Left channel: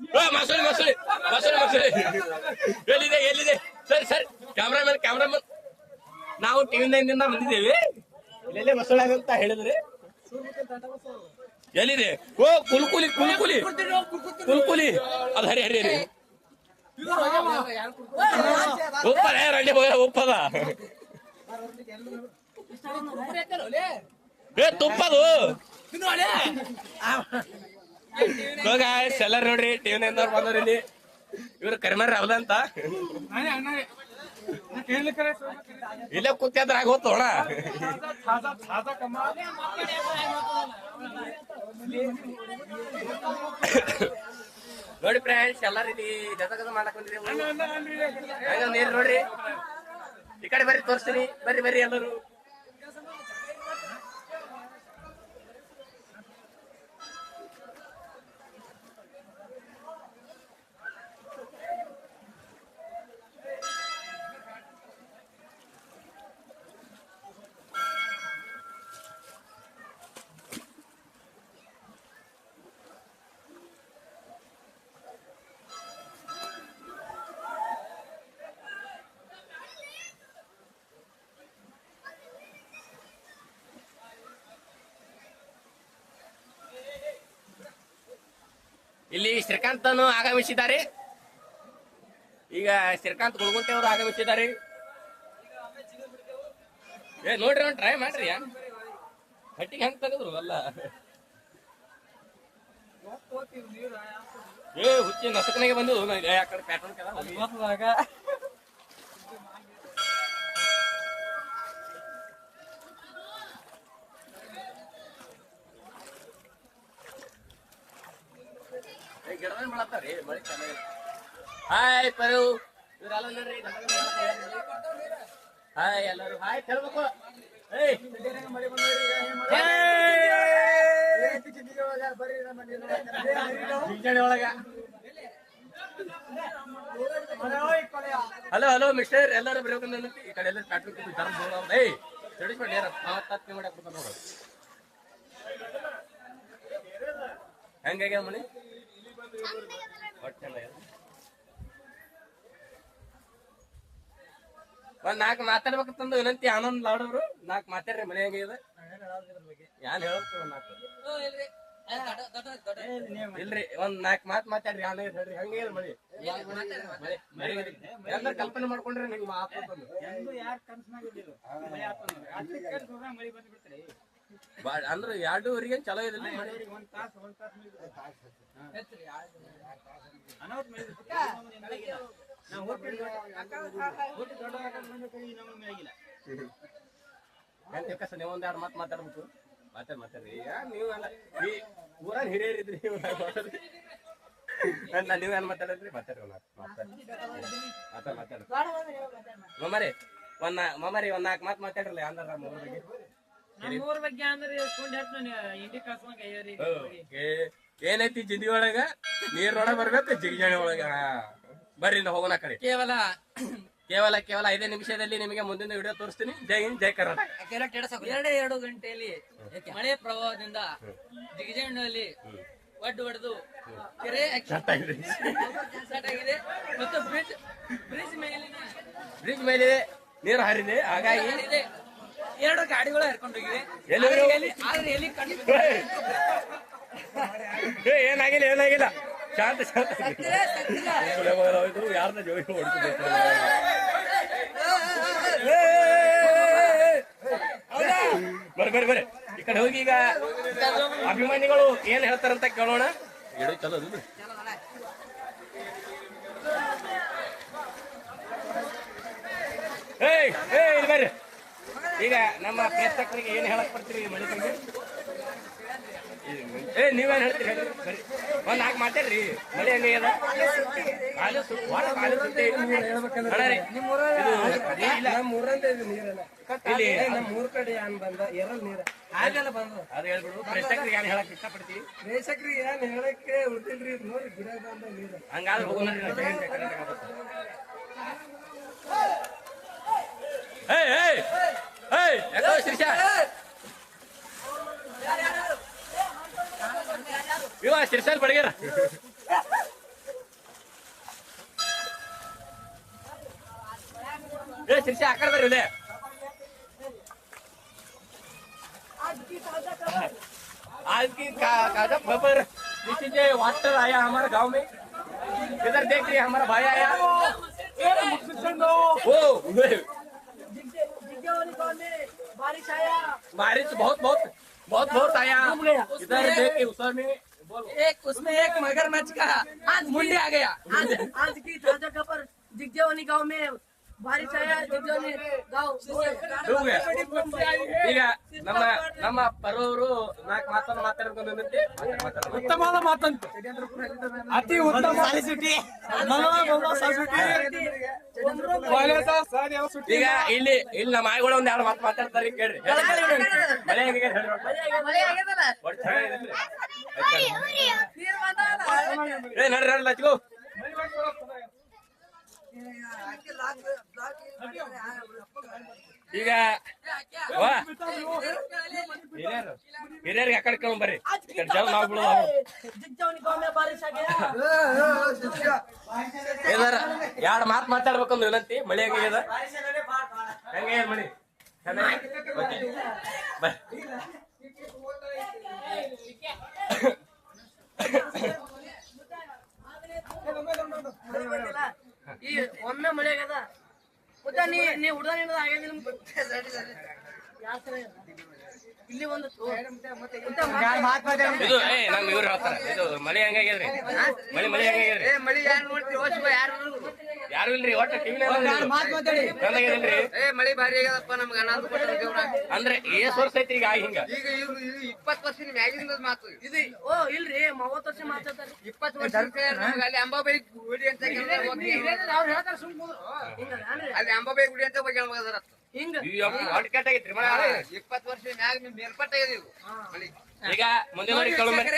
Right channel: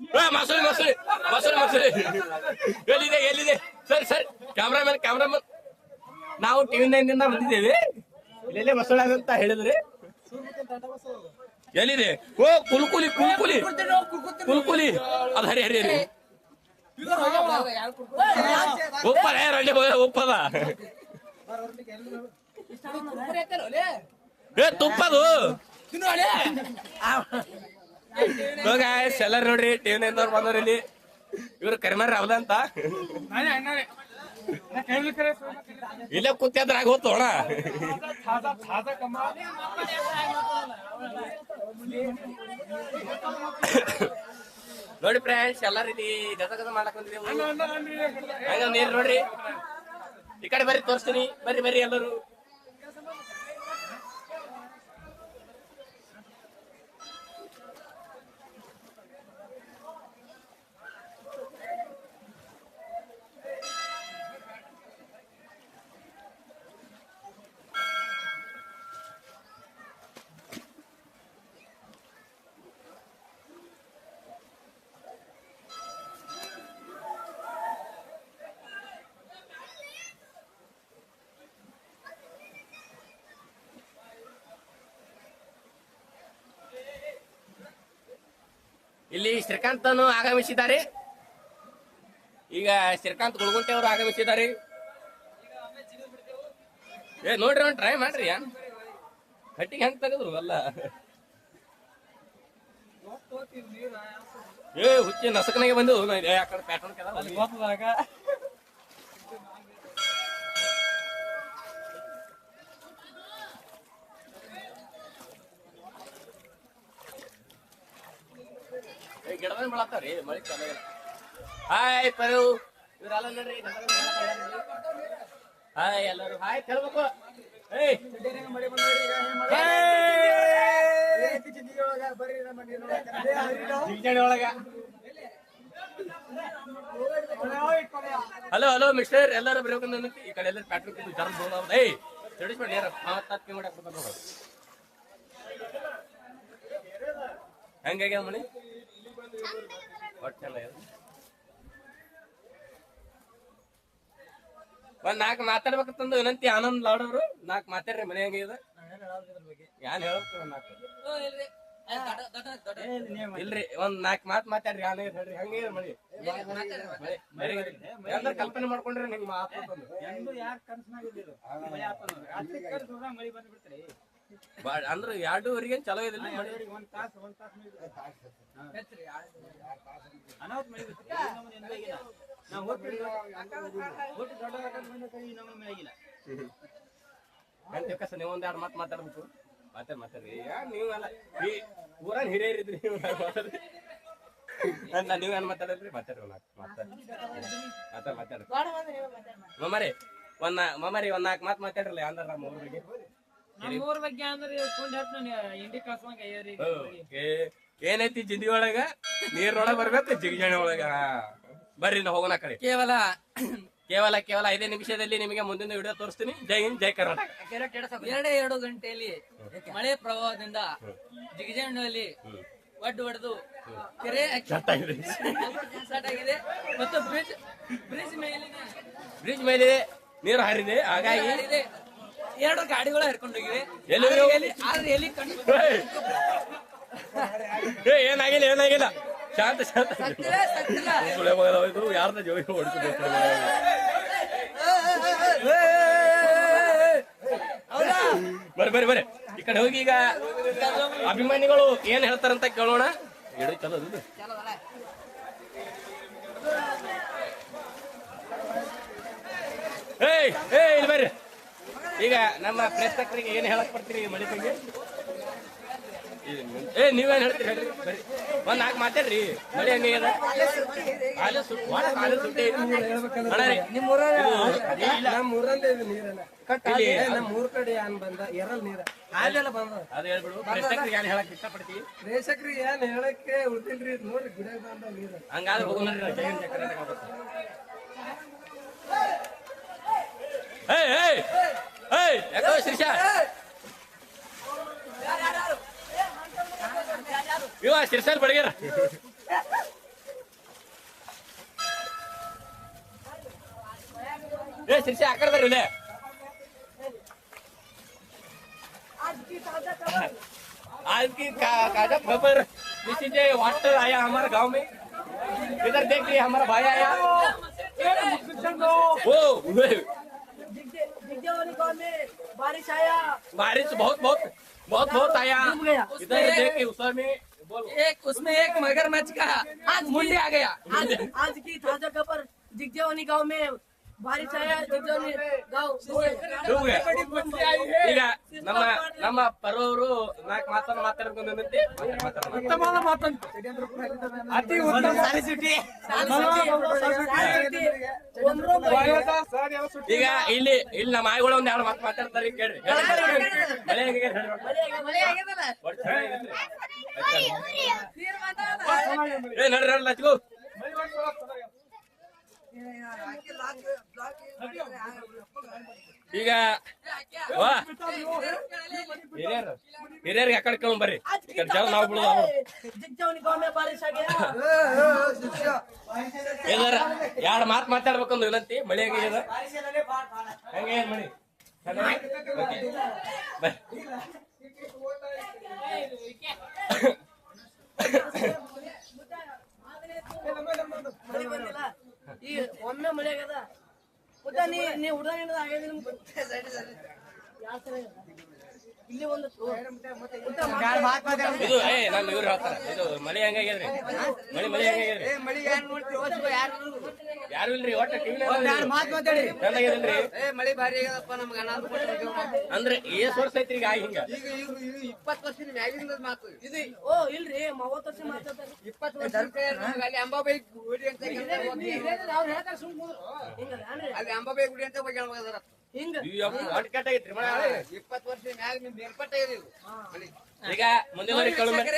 ಏ, ಮಸೂರಿ ಮಸೂರಿ ಮಸೂರಿ ಮಸೂರಿ. ಎಲ್ಲಿದೆ ಎಲ್ಲಿದೆ? ಸರಿ ಸರಿ. Cameraman cameraman. ನಾವು ಟಿವಿ ನೈನ್ನಿಂದ ಬಂದಿದ್ದೇವೆ. ಇಲ್ಲೆಲ್ಲೇ ಮಸೂಳಿ ಅಂತ ಹೇಳಿದ್ರಿ. ಎಲ್ಲಿದೆ? ಓ ಕುಲ್ಕುಲಿ ಕುಲ್ಕುಲಿ. ಕುಲ್ಕುಲಿ. ಅದು ಹರಿ ಹರಿ ಹರಿ. ಉಪ್ಪದ ರಂಡಿ ಹೋಗ ಒಪ್ಪದ. ಏ ತುಪ್ಪದು. ಎಲ್ಲಾರು ನೋಡ್ರಿ ಟಿವಿ ನೈನ್ ಬಂದವ್ರ ಇಲ್ಲಿ. ಇವ್ರು ಕರಿಮಾರಿ ರಾವದ ಅಂತ. ಇಲ್ಲೇ ಕೂತ್ಯಾದ್ರ ಆಗ ಹೋತು ನೋಡಿ ಫ್ರೆಂಡ್ಸ್ ಎಲ್ಲಾರು ಇಲ್ಲಿ ಗದ ಗದ ಮಾಡಕ್ ಬಂದ್ರಿ ನೀರ್ ನೋಡ್ರಿ. ಈ ಕಡೆ ಬರ್ರಿ ತೋರಿಸ್ತೀನಿ. ಬರ್ರಿ ಬರ್ರಿ ಎಲ್ಲರೂ. ಇಲ್ಲಿ ಶ್ರೀಕಾಂತನು ಆಗಮಿಸಿದ್ದಾರೆ. ಈಗ ಶ್ರೀಕಾಂತ್ ಗುಳ್ಗುಂಟೆ ಅವರು ಆಗಮಿಸಿದ್ದಾರೆ. ನೋಡ್ರಿ ಒಂದು ಟ್ರೈ ಮಾಡ್ರಿ. ಕಟ್ಟಿಗೆ ಹೆಂಗ್ ತೆಗೆದ್ರು ಅಲ್ಲ? ಏ, ಹುಚ್ಚಿ ನಸಕನಿಗೆ ಬಂದು ಆ ಕಡೆ ಪ್ಯಾಟರ್ನ್ ಗಿಡದ ಮಾಡತ್ತಾವ್ರಿ ಮಳಿ ಚೆನ್ನಾಗಿಲ್ಲ ಹಾಯ್ ಪರು. ಇವ್ರೆಲ್ಲ ನೋಡ್ರಿ. ಹಾಯ್ ಎಲ್ಲರೂ. ಹಾಯ್ ಹೇಳ್ಬೇಕು ಏಯ್ ಜಿಂಜಾಣಿ ಒಳಗ. ಹಲೋ ಹಲೋ ಮಿಸ್ಟರ್ ಎಲ್ಲರೂ ಬರಬೇಕು ಈ ಕಡೆ ಎಲ್ಲ ಪ್ಯಾಟ್ರಿಕ್ ಧರ್ಮ ಏಯ್ ತಿಳಿಸ್ಬೇಡಿ ಯಾರ ಹತ್ತು ಮಾಡಕ್ ಬರ್ತಾರ ನೋಡು. ಹೆಂಗಾಗ್ಯಾವ ಚೆನ್ನಾಗ್ಯಾದ ಒಂದ್ ನಾಲ್ಕು ಮಾತಾಡ್ಬೇಕಂತಂದು ವಿನಂತಿ, ಆನಂದ್ ಲಾಡ್ ಅವರು. ನಾಲ್ಕು ಮಾತಾಡ್ರಿ, ಮನೆ ಹೆಂಗಿದೆ ಯಾನ್ ಹೇಳ್ತೀವಿ ಇಲ್ರಿ, ಒಂದ್ ನಾಲ್ಕು ಮಾತ್ ಮಾತಾಡ್ರಿ, ಯಾನ್ ಹೇಳ್ರಿ. ಮಳಿ ಎಲ್ಲ ಕಲ್ಪನೆ ಮಾಡ್ಕೊಂಡ್ರಿ ನಿಂಗ್ ಮಾತಾಡ್ತಂದು ಬಾಳ ಎರಡು ಎರಡೂವರೆಗೆ ಚಲೋ ಇದಿಲ್ಲ ನೀವೊಂದ್ ಗಂಟೆ ಕಸ ನೀವು ಒಂದ್ ಎರಡು ಮಾತು ಮಾತಾಡ್ಬೇಕು. ಮಾತಾಡ್ ಮಾತಾಡ್ರಿ. ನೀವೆಲ್ಲ. ಈ ಊರನ್ ಹಿರಿಯರಿದ್ರಿ ನೀವು ಮಾತಾಡ್ರಿ. ಅಲ್ಲ ನೀವೇನ್ ಮಾತಾಡಿದ್ರಿ? ಮಾತಾಡ್ರಿ ನಾಲ್ಕು ಮಾತಾಡ್ರಿ. ಮಾತಾಡ್ ಮಾತಾಡ್ರಿ ಮಮ್ಮರಿ ಒಂದ್ ಮಮ್ಮರಿ ಒಂದ್ ನಾಲ್ಕು ಮಾತು ಮಾತಾಡ್ರಲ್ಲ ಅಂದ್ರ ನಮ್ಮ ಊರ ಬಗ್ಗೆ? ನಮ್ಮೂರ್ ಬಗ್ಗೆ ಅಂದ್ರೆ ಕೊಂಡ್ ಹೇಳ್ತಾನೆ ಇಂಡಿ ಕಳ್ಸಂಗ ಅಯ್ಯರಿ ಓಕೆ. ಏನೈತಿ ಜಿಂದಿ ಒಳಗ? ನೀರೊಳಗ ಬರ್ಬೇಕು ಜಿಗಿಜಾಣಿ ಒಳಗ. ಬರ್ರಿ ನಾವು ಹೋಗೋಣ ಕಡೆ. ಕೇವಲ ಕೇವಲ ಕೇವಲ ಐದೇ ನಿಮಿಷದಲ್ಲಿ ನಿಮಗೆ ಮುಂದಿನ ವಿಡಿಯೋ ತೋರಿಸ್ತೀನಿ. ಜೈ ಹಿಂದ್ ಜೈ ಕರ್ನಾಟಕ. ಎರಡೇ ಎರಡು ಗಂಟೆಯಲ್ಲಿ ಮಳೆ ಪ್ರವಾಹದಿಂದ ಜಿಗಜಂಡಲ್ಲಿ ಒಡ್ಡು ಹೊಡೆದು ಕೆರೆ ಆಗಿದೆ. ಮತ್ತು ಬ್ರಿಡ್ಜ್ ಬ್ರಿಡ್ಜ್ ಮೇಲಿನ ಬ್ರಿಡ್ಜ್ ಮೇಲೆ ನೀರು ಹರಿದೆ ಹಾಗಾಗಿ. ಎರಡು ಗಾಡಿಗಳು ಏಯ್! ಏ, ಏನಾಗಿಲ್ಲ ಏನಾಗಿಲ್ಲ. ಶಾಂತ ಶಾಂತ. ಯಾರನ್ನ ಜೋಡಿ ಹೊಡ್ಸ್ಬೇಕು? ಬರ್ರಿ ಬರ್ರಿ ಬರ್ರಿ ಈ ಕಡೆ ಹೋಗಿ ಈಗ ಅಭಿಮಾನಿಗಳು ಏನ್ ಹೇಳ್ತಾರಂತ ಕೇಳೋಣ. ಹೇಳಿ ಚಲೋ ಅದು. ಏಯ್ ಏಯ್ ಈಗ ನಮ್ಮ ಪ್ರೇಕ್ಷಕರಿಗೆ ಏನ್ ಹೇಳಕ್ ಬರ್ತೀರಿ ಈ ಏ ನೀವೇನ್ ಹೇಳ್ತೀರಿ ಹೇಳ್ರಿ ಸರಿ. ಒಂದ್ ನಾಲ್ಕು ಮಾತಾಡ್ರಿ. ಮಳೆ ಹೆಂಗದ ಕಾಲೇ ಸುಟ್ಟಿ ವಾರ ಕಾಲೇ ಸುಟ್ಟಿ ಅಣ್ಣ ರೀ ಇದು ಇಲ್ಲ. ಇಲ್ಲಿ. ಮೂರ್ ಕಡೆ ಏನ್ ಬಂದ? ಎರಲ್ ನೀರ. ಹಾಲೆಲ್ಲ ಬಂದ ಅದು ಹೇಳ್ಬಿಡು. ಪ್ರೇಕ್ಷಕರಿಗೆ ಏನ್ ಹೇಳಕ್ ಇಷ್ಟಪಡ್ತೀವಿ ಪ್ರೇಕ್ಷಕ್ರಿ ಏನ್ ಹೇಳಕ್ಕೆ ಉಳ್ದಿಲ್ರಿ ನೋಡ್ರಿ ಗಿಡ ಬಂದ ನೀರ. ಹಂಗಾದ್ರೆ ಹೋಗೋಣ ಕರ್ನಾಟಕ ಇವ ಶಿರ್ಸಲ್ ಬಡಗರ ಏ ಶಿರ್ಸಿ ಹಾಕಡ್ದಾರ ಇಲ್ಲೇ आज की ताज़ा खबर किसी के वाटर आया हमारे गाँव में इधर देख लिया हमारा भाई आया वो बारिश आया बारिश बहुत बहुत बहुत बहुत आया इधर देख के उसमें बोलो एक उसमें एक मगरमच्छ का आज मुंडे आ गया आज आज की ताजा खबर दिग्देवानी गांव में बारिश आया दिग्देवानी गांव डूब गया ಈಗ ನಮ್ಮ ನಮ್ಮ ಪರವರು ನಾಲ್ಕು ಮಾತನ್ನು ಮಾತಾಡ್ಕೊಂಡು ನಿಂತಿ ಅತಿ ಉತ್ತಮ ಸಾಲಿಸಿಟಿ ಈಗ ಇಲ್ಲಿ ಇಲ್ಲಿ ನಮ್ಮ ಆಯ್ಗಳು ಒಂದ್ ಎರಡು ಮಾತು ಮಾತಾಡ್ತಾರೆ ಕೇಳ್ರಿ. ಏ ನಡ್ರಿ ನಡ್ರಿ ಲಚ್ಕೋ ಈಗ ಹಿರಿಯರ್ಗೆ ಅಕಡೆ ಕಳ್ ಬರ್ರಿ. ಜವ್ ನಾವು ಬಿಡೋದು ಏನಾರ ಎರಡು ಮಾತು ಮಾತಾಡ್ಬೇಕಂದ್ರೆ ವಿನಂತಿ. ಮಳೆ ಹೆಂಗಿದೆ ಹೆಂಗೆ ಬರ್ರಿ ಈ ಒಮ್ಮೆ ಮಳೆ ಆಗದ? ನೀ ನೀ ಹುಡ್ದ ನಿಂದ ಯಾತ್ರೆ ಇಲ್ಲಿ ಒಂದು ನಾನು ಇದು ಏ ಇವ್ರು ಹೇಳ್ತಾರ ಇದು ಮಳೆ ಹೆಂಗಾಗ್ಯದ್ರಿ ಮಳಿ ಮಳಿ ಹಂಗಾಗ್ಯದ್ರಿ ಮಳಿ ಯಾರು ನೋಡ್ತೀವಿ ಯಾರು ಯಾರು ಇಲ್ರಿ? ಒಟ್ಟ ಏ ಮಳಿ ಭಾರಿ ಆಗ್ಯದಪ್ಪ ನಮ್ಗೆ ಅನಾಥ ಕೊಟ್ಟಾರ ದೇವ್ರ ಅಂದ್ರೆ ಏಸ್ ವರ್ಷ ಐತಿ ಈಗ ಹಿಂಗ. ಈಗ ಇವ್ರು ಇದು ಇಪ್ಪತ್ತು ವರ್ಷದ ಮ್ಯಾಗಿಂದ ಮಾತು. ಇದು ಓ ಇಲ್ರಿ ಮೂವತ್ತು ವರ್ಷ ಮಾತಾಡ್ತಾರೆ. ಇಪ್ಪತ್ತು ವರ್ಷ ನಮ್ಗೆ ಅಲ್ಲಿ ಅಂಬಾಬಾಯಿ ಗುಡಿ ಅಂತ. ಅವ್ರು ಹೇಳ್ತಾರೆ ಅಲ್ಲಿ ಅಂಬಾಬಾಯಿ ಗುಡಿ ಅಂತ ಬಗ್ಗೆ ನಮಗದಾರ ಈಗ ಮುಂದಿನ ಕೇಳೋ ಮರಿ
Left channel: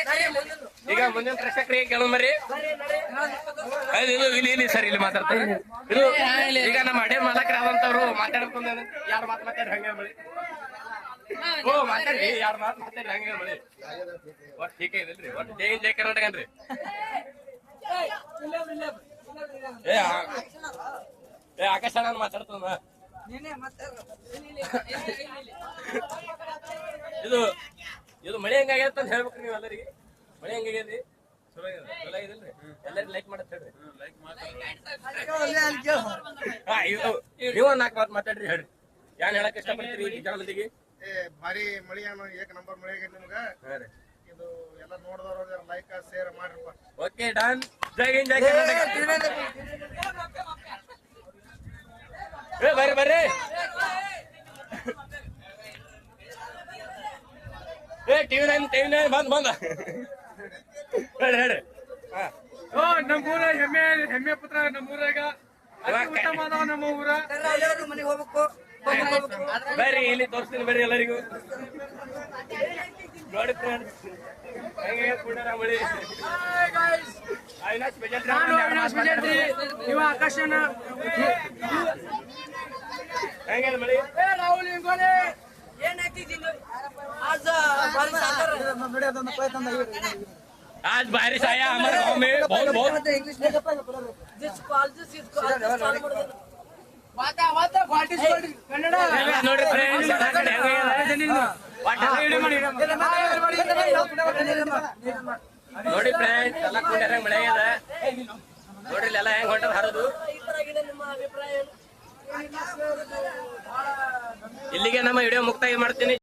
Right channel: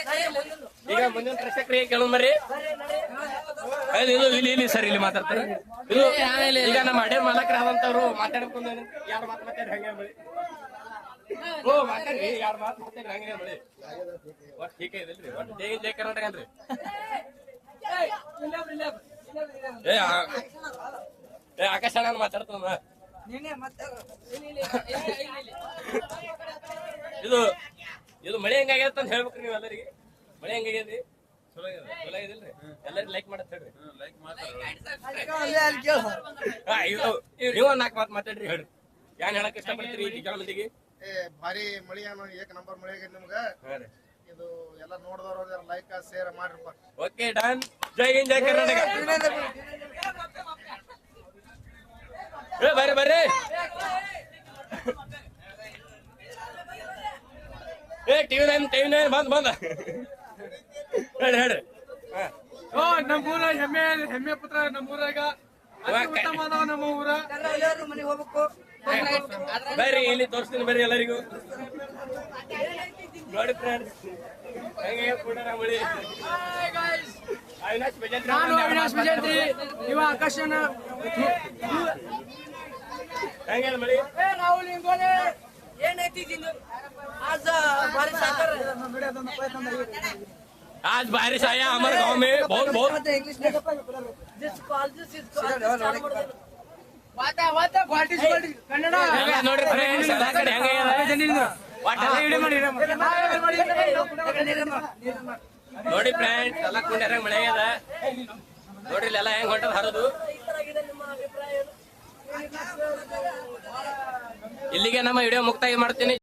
ಈಗ ಮುಂದಿನ ಪ್ರಶ್ನೆ ಕೇಳೋ ಮರಿ ಅದು ಇದು ಇಲ್ಲಿ ಇಲ್ಲಿ ಸರ್ ಇಲ್ಲಿ ಮಾತಾಡ್ತಾರೆ ಇದು ಈಗ ನಮ್ಮ ಅಡೆ ಮಾಲಕರಾದಂತವ್ರು ಮಾತಾಡ್ಕೊಂಡು ಯಾರು ಮಾತು ಮಾತಾಡ್ರಿ ಹಂಗೆ ಮಳಿ ಓ ಮಾತಾಡ್ರಿ ಯಾರು ಮಾತು ಮಾತಾಡ್ರಿ ಹಂಗೆ ಮಳಿ ಒಟ್ಟು ಟೀಕ ಇದಲ್ರಿ ಒಟ್ಟು ಜೈ ಜೈ ಕರ್ನಾಟಕ ಅನ್ರಿ ಏ ಆಕಾಶ ನಾನು ಮಾತಾಡ್ತಾನ ಇದು ಇದು ಮಳೆ ಹೆಂಗಾಗ್ಯದ ಅಂತ ಹೇಳ್ಬೇಕ್ರಿ ನೀವು ಎಲ್ಲರಿಗೆ ಮಳೆ ಹೆಂಗಾಗ್ಯದ್ರಿ ಚಲೋ ಆಗ್ಯದ ಚಲೋ ಆಗಿದಿಲ್ರಿ ಎಲ್ಲರಿಗೂ ಲೈಕ್ ಮಾಡತ್ ಹೇಳ್ರಿ ಹಾ ಇದು ನೀವು ಒಂದ್ ನಾಲ್ಕು ಮಾತು ಮಾತಾಡ್ರಿ ಹೇಳ್ರಿ ಏನ್ ಹೇಳಕ್ ಇಷ್ಟಪಡ್ತೀರಿ ಈ ಜನ ಮಂದಿಗೆ ಏ ಭಾರಿ ಮಳಿ ಅನ್ನೋ ಏಕ ನಂಬರ್ ಮಳಿ ಆಗೈತಿ ನಿಮ್ಗ ಹಾ ರೀ ಇದು ಎಲ್ಲ ನೋಡಿದವ್ರ ಲೈಕ್ ಶೇರ್ ಮಾಡ್ರಿ ಓಕೆ ಡನ್ ಜೈ ಹಿಂದ್ ಜೈ ಕರ್ನಾಟಕ ಬರ್ರಿ ಬರ್ರಿ. ಏ ಟಿವಿ ನೈನ್ ಟಿವಿ ನೈನ್ ಬಂದ್ ಬಂದ. ಹೇಳಿ ಹೇಳಿ. ನಮ್ಮೂರ ಹೆಮ್ಮೆ ಹೆಮ್ಮೆ ಪುತ್ರ ನಮ್ಮೂರಾಗ. ಅತಿ ಉತ್ತಮ ನಮ್ಮ ಊರ ಬರ್ರಿ ಇಲ್ಲಿ ತೋರಿಸ್ತೀನಿ ಬರ್ರಿ ಎಲ್ಲರಿಗೂ. ನೋಡಿ ಫ್ರೆಂಡ್ಸ್ ಹೆಂಗೆ ಕೊಡಾರ ಮಳಿ ಅವಿನಾಶ್. ಇವ ಆಕಾಶನ. ಹೆಂಗೆ ಮಳಿ राहुल इंगोले ये नहीं थी जिंग आज बारिश आकर आज बारिश आया हमारे गांव में बहुत बहुत जिसको आज जिसको आज चालू कर देना ವಾತ ವಾತ ಕ್ವಾಲಿಟಿ ಕನ್ನಡ ಎಲ್ಲ ನೋಡ್ರಿ ಫ್ರೆಂಡ್ಸ್ ಎಲ್ಲ ಕಡೆ ಹಂಗೆ ನೋಡಿ ಫ್ರೆಂಡ್ಸ್ ಎಲ್ಲ ಕುಂಡ್ಯಾರ ಮಳೆ ಆಗ್ಯದ ನೋಡ್ರಿ ಎಲ್ಲ ಹೆಂಗ್ ಹೊಂಟದ ಹರಿದು ಇಲ್ಲಿಗೆ ನಮ್ಮ ವಿಡಿಯೋ ಮುಕ್ತಾಯ ಮಾಡ್ತೀನಿ.